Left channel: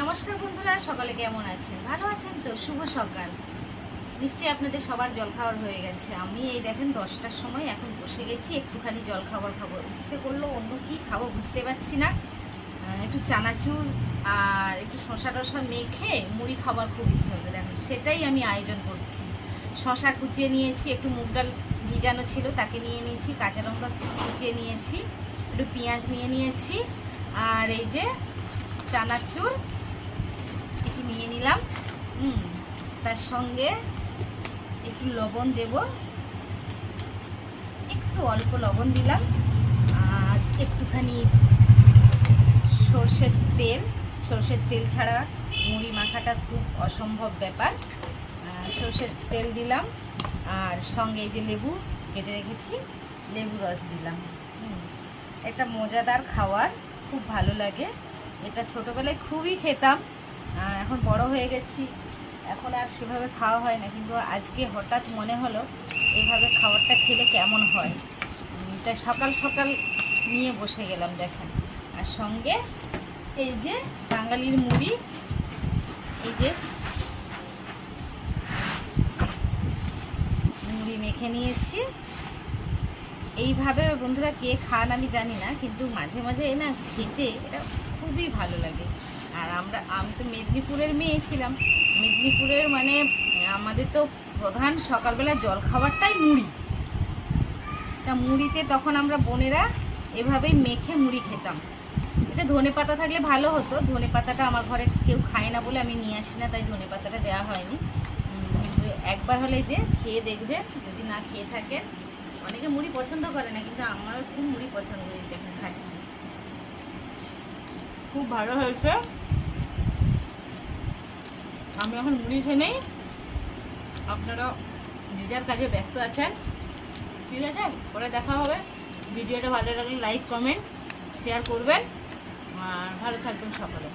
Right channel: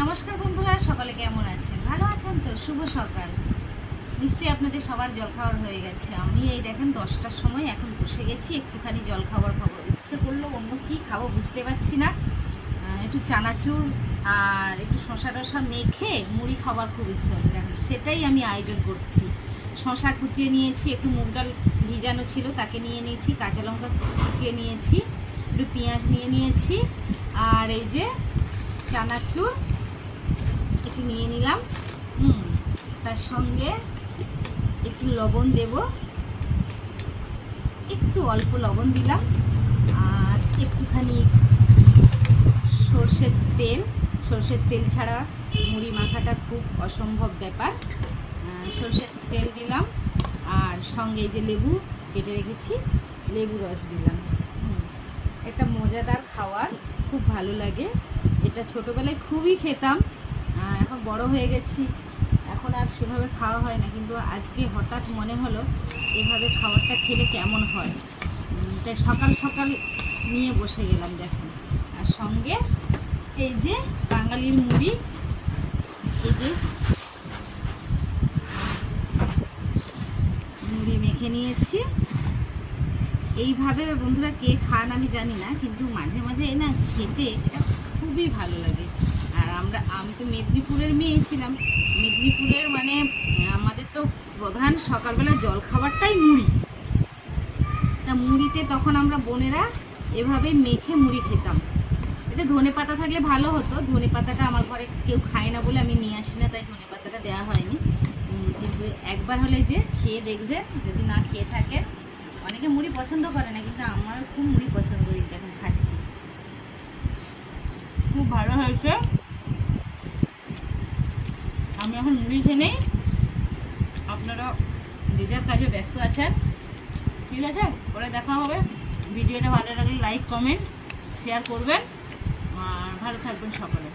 নমস্কার বন্ধুরা, সকালে কেমন আছেন? ভালো আছেন তো? শুভ সকাল। নিশ্চয়ই আপনাদের সবার জল খাওয়ার হয়ে গেছে। আমি এই দেখেন 10টার সময় এখন বসে গেছি, একটুখানি জল খাবার খাবো। ইচ্ছে করলো অন্য কি খাবো বুঝতে পারছি না। একটু চানাচুর আর একটু শশা টশা মেখে মুড়ি খাবার খুব ইচ্ছে হচ্ছে, দেখেন সেটাই আমি আয়োজন করছি। শশা কুচিয়ে নিয়েছি, একটু মুগ ডাল ভিজানো ছিল তাকে নিয়ে নিয়েছি, কাঁচা লঙ্কা কুচিয়ে নিয়েছি, একটু পেঁয়াজ নিয়ে নিয়েছি, আর এই যে চানাচুর একটু নিয়ে নিলাম। তার সঙ্গে একটু লবণ দেব, একটু অল্প লবণ দিলাম, আর একটুখানি সর্ষের তেল ছাড়া মুড়ি মাখাটা খুব অসম্ভব ব্যাপার। সর্ষের তেল দিলাম, আর সঙ্গে এই যে লেবু কেটে রেখেছি, লেবু রস দিলাম। একটা মজাদার খাবার, খুব ভালো লাগে। এটা ছোটোবেলায় খুবই খেতাম, এখন বড় হয়ে গেছি, এখন আর সেভাবে খাওয়া হয় না, কিন্তু আজকে হঠাৎ মনে হলো এইভাবে খাবারটা খেলে কেমন হয়, তাই সকাল সকাল নিয়ে বসে গেলাম দেখেন। আর সঙ্গে এই যে বাঙালির মুড়ি, এই যে মুড়ি মেখে নিয়েছি। এইভাবে বন্ধুরা কে খান আমি জানি না, কিন্তু মাঝে মাঝে না খেতে এটা খুবই ভালো লাগে। আর আমি তো মেদিনীপুরের মেয়ে ছিলাম, মেদিনীপুরের মানে আমাদের তো প্রধান সকালবেলা জল খাবারটাই মুড়ি। তা মুড়িতে তখন আমরা বোনেরা এভাবেই মেখে মুড়ি খেতাম। এটা ধনে পাতা থাকলে ভালো হতো, ধনে পাতাটা আমার ঘরে কেউ খায় না বলে আমি নিয়ে আসি না, তাই ধনে পাতাটা দেওয়া হয়নি। কিন্তু একবার হলে যে খেয়ে দেখবে, যদি না খেয়ে থাকেন। অনেকে মুড়ি পছন্দ করে না, কিন্তু আমার খুব মুড়ি পছন্দ করি, যখন খাচ্ছি খুব ভালো হয়েছে। আমি এখন মুড়ি খেয়ে নেই, আপনারা দিদার কাজে ব্যস্ত আছেন, ঠিক আছে? পরে দেখা হবে। ভিডিওটা ভালো লাগলে লাইক কমেন্ট শেয়ার করবেন, আর ভালো থাকবেন সকলে।